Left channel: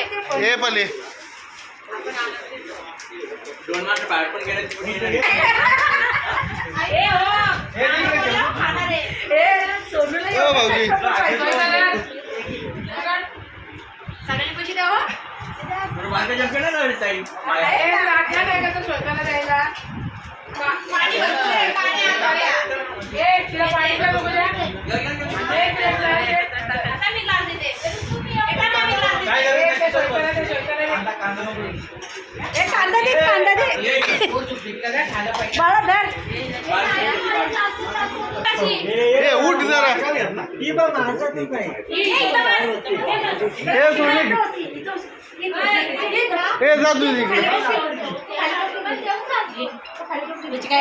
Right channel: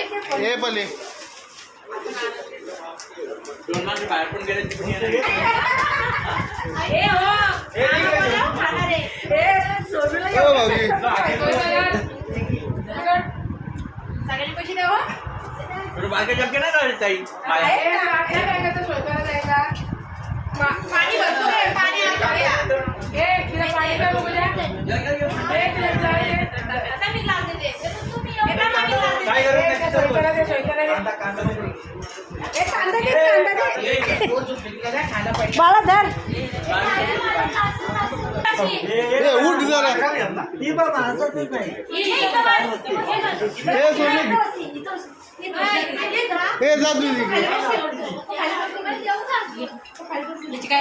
हे पले दोन माणसं बाहेर पण गेले हो भाऊजी सगळ्यांनी पैसे द्या हो बाकी जमके नाही राहिले ताई पाणी भरपूर आहे पाणी तिला पाणी द्या बघू द्या आता मी लाल देते कांदा दे बाळा धर हे उठ जरा हे सोडले हे जा तू तिकडे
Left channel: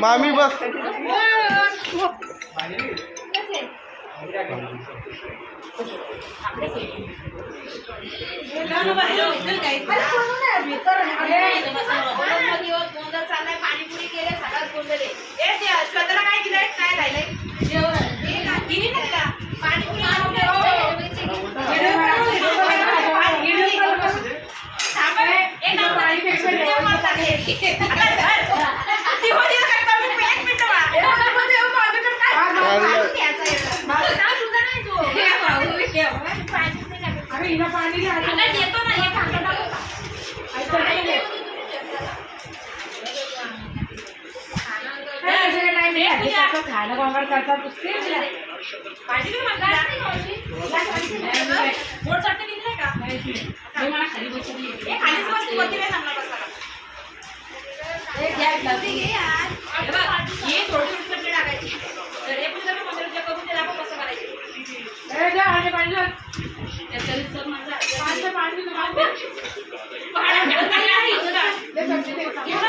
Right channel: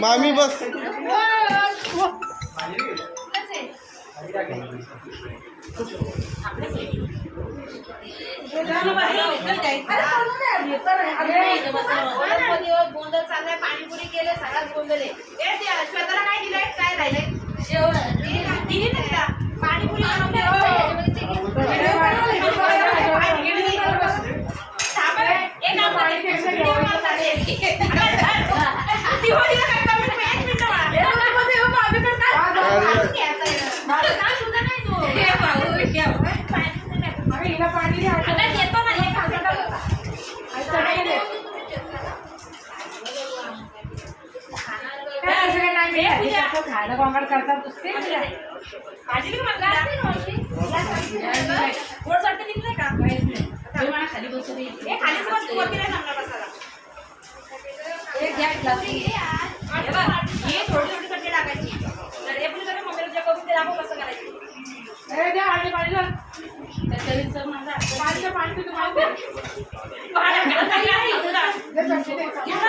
मामी बस गोंधळ चाललाय पाणीपुरी केले सगळ्यात गोंधळ श्वेताला काय दिलंय काय राहिलंय दिली ना तिला पाणीपुरी खायला गोंगाट करतात खाली बसली खालीच वस्तू वरती नाही सांगणार बसायला हे थोडी थोडी कट्टे टाकायची तर हे पण जर मंदिराच्या करून ते दाखव कसं करायचं पाणी